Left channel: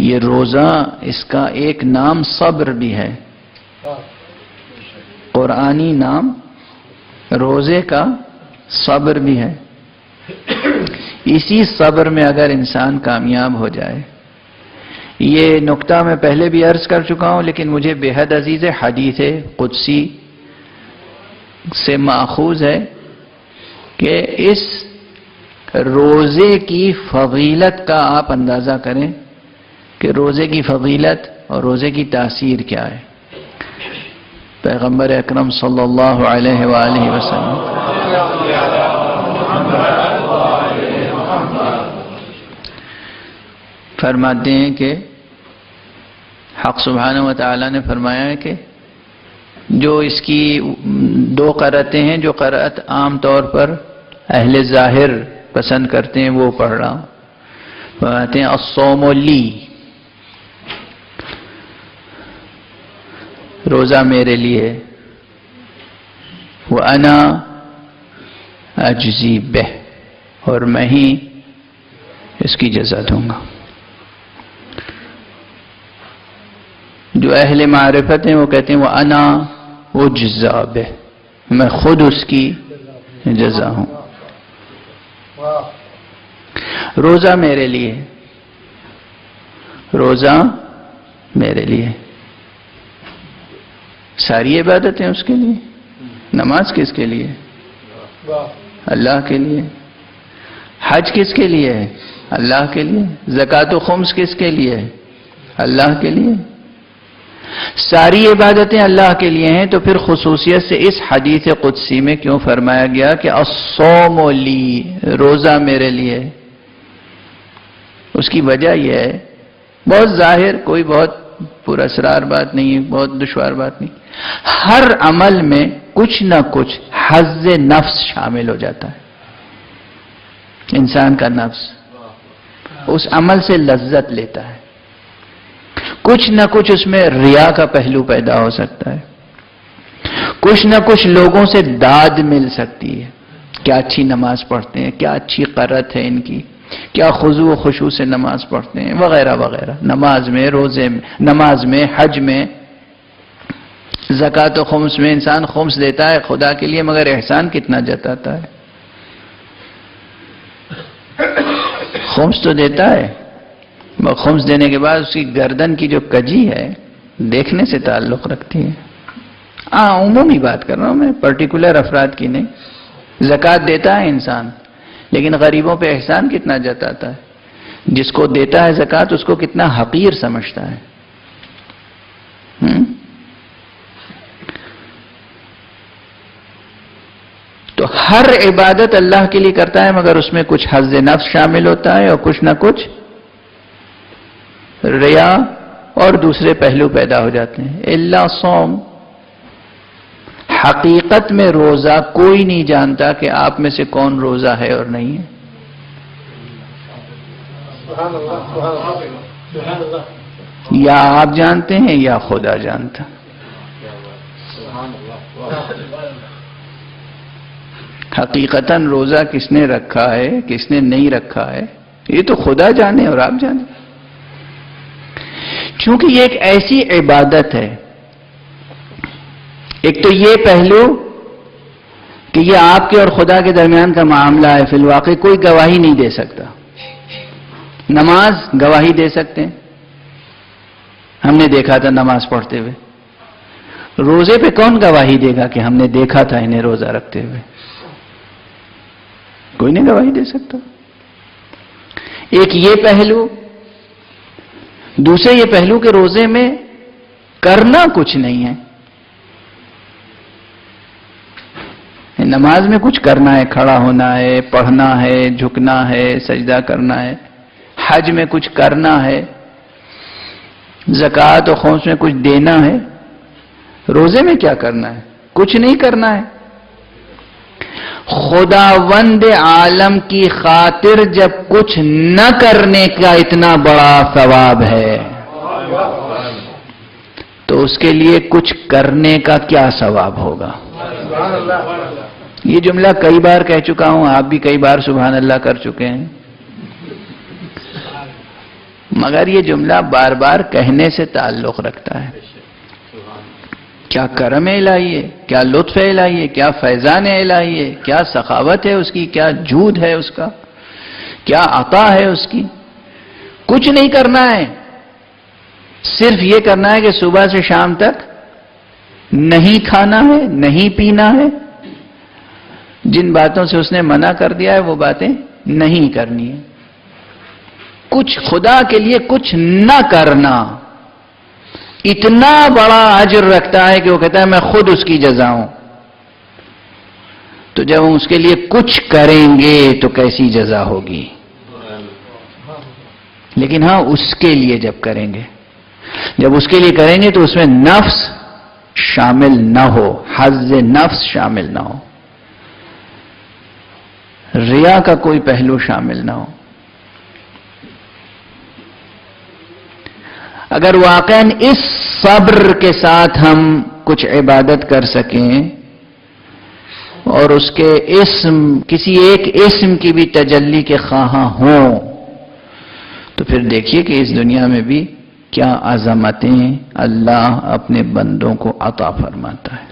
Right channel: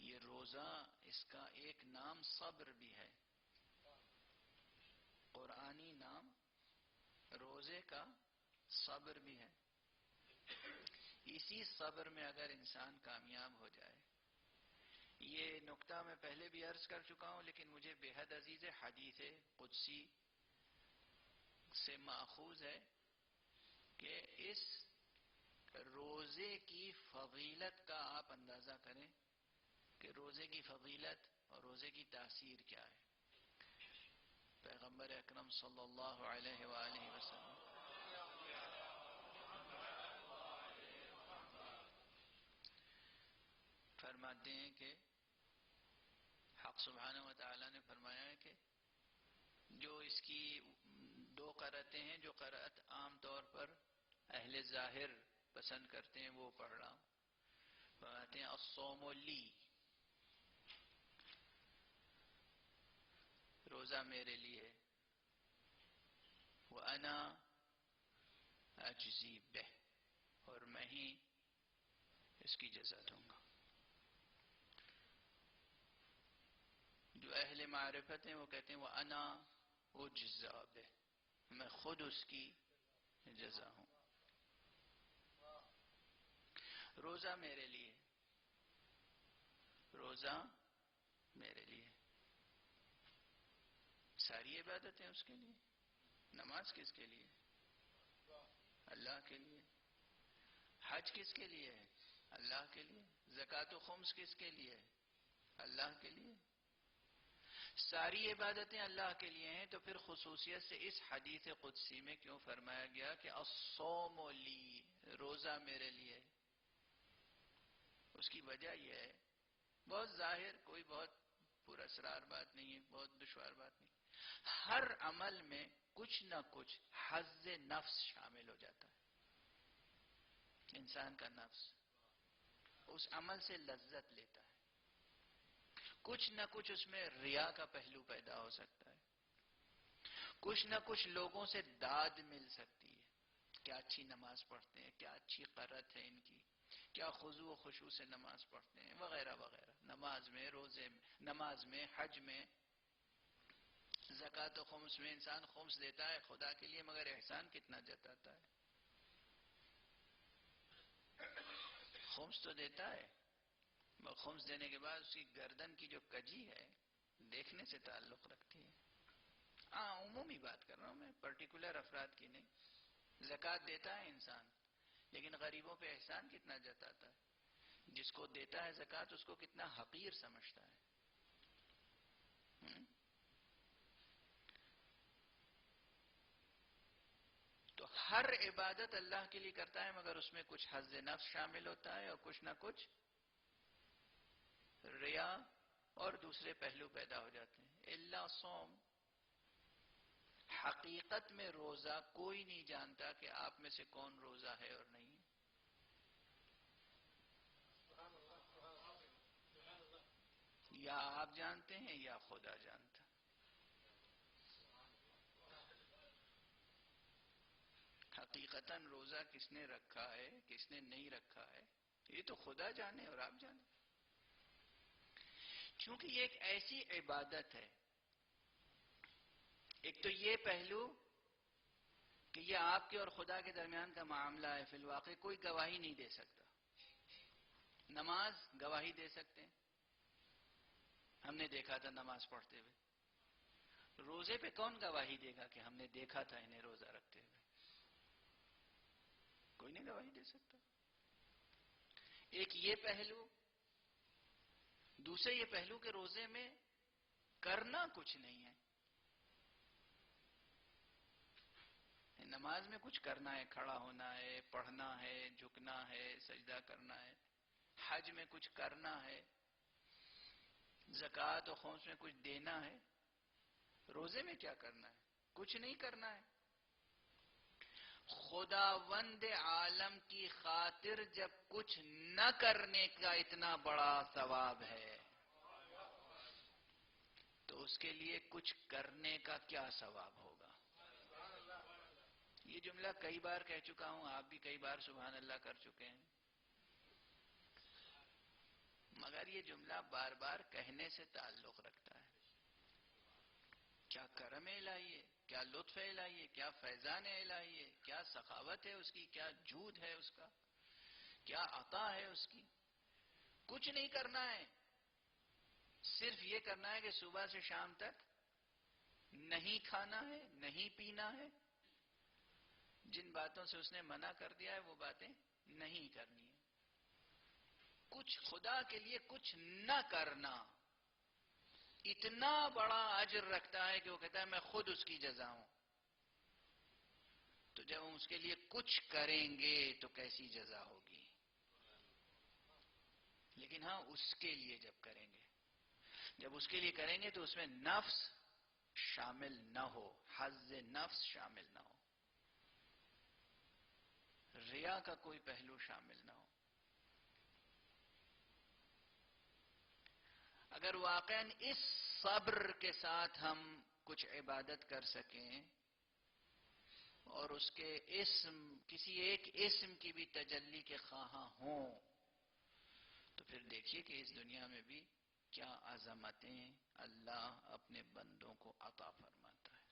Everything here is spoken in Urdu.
یہ روزہ اس کا ایک نام صبر بھی ہے، قرآنی نام روزے کا صبر بھی ہے۔ اسی صبر میں اگر انسان کامیاب ہو جائے، یہ نقطہ میں پہلے بھی عرض کر چکا ہوں لیکن مجھے بے حد عزیز ہے، حدیث قدسی سے ماخوذ ہے کہ اس روزے کی فضیلت کا آپ اندازہ کریں کہ روزے کی فضیلت اور روزے کی تاثیر کیا ہے۔ پیغمبر اکرم صلی اللہ علیہ وآلہ وسلم فرماتے ہیں کہ حق سبحانہ و تعالی نے فرمایا ہے کہ جو اس کی دو قرأتیں ہیں، جو قرأت عام طور پر اہل ظاہر پسند کرتے ہیں وہ پڑھ رہا ہوں۔ فرماتے ہیں الصوم لی، روزہ میرے لیے، وَأَنَا أَجْزِي بِهِ، اور میں ہی اس کی جزا دوں گا۔ جو اہل معرفت ہیں وہ کہتے ہیں وَأَنَا أُجْزَى بِهِ، میں خود اس کی جزا ہوں۔ روزہ میرے لیے، روزہ میرے لیے، ساری عبادتیں اس کے لیے۔ نماز کس کے لیے؟ اللہ کے لیے۔ حج کس کے لیے ہے؟ اللہ کے لیے۔ زکوٰۃ و خمس کس کے لیے ہے؟ اللہ کے لیے۔ ساری عبادتیں اللہ کے لیے ہیں، تو پھر خصوصیت سے اس حدیث قدسی میں کیوں فرمایا گیا کہ الصوم لی، روزہ میرے لیے؟ اس کی وجہ یہ ہے، بہت ظاہر، کوئی بہت پورا اسرار بات نہیں ہے، بہت دشوار بات نہیں، ہر عمل میں کچھ نہ کچھ حظ نفس شامل ہو جاتا ہے۔ انسان کا نفس اس عمل سے لذت لیتا ہے، کچھ نہ کچھ اس میں ریا کا پہلو پیدا ہو سکتا ہے، کچھ نہ کچھ لوگوں سے داد مل سکتی ہے، کیا اچھی نماز پڑھتے ہیں، کیا اچھی قرأت ہے ان کی، کیا خضوع و خشوع سے نماز پڑھتے ہیں، وغیرہ وغیرہ۔ نماز میں، روزے میں، نماز میں، حج میں، زکوٰۃ و خمس میں انسان خمس دیتا ہے خدا کے لیے، مگر احسان کتنا جتاتا ہے؟ خمس تو دیتا ہے، خمس دینے کے بعد اس کی گردن کی جو کجی ہے دیکھنے سے تعلق رکھتی ہے۔ عمومی بات کر رہا ہوں میں، پرٹیکولر افراد کی نہیں۔ زکوٰۃ دیتا ہے انسان، لیکن غریبوں پہ احسان کتنا جتاتا ہے؟ جس کو دیتا ہے زکوٰۃ اس کو کتنا حقیر سمجھتا ہے۔ تو ہر عبادت اللہ کے لیے کرتا ہے، مگر اس میں کچھ حظ نفس شامل ہوتا ہے اور کچھ نہ کچھ ریا اور دوسرے پہلو پیدا ہو جاتے ہیں۔ الا صوم، حقیقت میں روزہ کوئی نہیں جانتا کہ آپ میں سے کون روزہ ہے اور نہیں ہے۔ یا آپ جانتے ہیں یا خدا جانتا۔ حقیقتاً روزہ کس نے رکھا ہے، کس نے نہیں رکھا ہے، یہ تو خدا جانے اور آپ جانے۔ چونکہ یہ ایک ایسی عبادت ہے، ایک تو یہ پہلو کہ یہ آپ کے اور خدا کے درمیان کا معاملہ ہے، فی الواقع کوئی گواہی نہیں دے سکتا۔ نماز گواہی دے سکتے ہیں، ہم نے دیکھا تھا نماز پڑھتے ہوئے۔ روزے پہ کون گواہی دے گا کہ ہم نے دیکھا تھا انہیں روزہ رکھتے ہوئے؟ کوئی نہیں گواہی دے سکتا۔ ایک یہ پہلو، دوسرے یہ پہلو کہ روزے میں کرنا کچھ نہیں ہے۔ نماز میں کچھ کرنا ہے، کھڑا ہونا ہے، پڑھنا ہے، جھکنا ہے، سجدہ کرنا ہے۔ حج میں کچھ کرنا ہے، زکوٰۃ و خمس میں کچھ دینا ہے۔ روزے میں کیا کرنا ہے؟ کچھ نہیں کرنا ہے۔ خداوند عالم کی خاطر جب کچھ نہ کرنے کا اتنا بڑا ثواب ہے تو اس کے لیے کچھ کرنے کا کیا ثواب ہوگا؟ یہ جملہ کئی بار کہہ چکا ہوں، آپ بھی کئی بار سبحان اللہ کر چکے ہیں۔ مگر یہ جملہ بار بار کہنے سے تعلق رکھتا ہے. کیا کرم الہی ہے، کیا لطف الہی ہے، کیا فیضان الہی ہے، کیا سخاوت ہے اس کی، کیا جود ہے اس کا، کیا عطا ہے اس کی. کچھ نہیں کرنا ہے، صرف یہ کرنا ہے کہ صبح سے شام تک نہیں کھانا ہے، نہیں پینا ہے. جن باتوں سے اس نے منع کر دیا ہے وہ باتیں نہیں کرنی ہے. کچھ خدا کے لیے کچھ نہ کرنا اتنا بڑا اجر رکھتا ہے کہ وہ کہتا ہے میں خود اس کی جزا ہوں. تو جب ہم اس کے لیے کچھ کریں گے تو کیسی جزا ہوگی. لیکن ہاں اس کے لیے جب کریں گے، جب اس کے لیے کریں گے تو اس میں نفس شامل نہ ہو، حظ نفس شامل نہ ہو، ریا کا کوئی پہلو شامل نہ ہو. اگر واقعاً اس صبر کے ساتھ ہم کچھ عبادت کر سکیں اور اس کے اسم، کسی ایک اسم کی بھی تجلی کے خواہاں ہوں، تو پھر دیکھیے کہ اس دنیا میں بھی کیا عظمتیں اللہ اپنے بندوں کو عطا فرماتا ہے.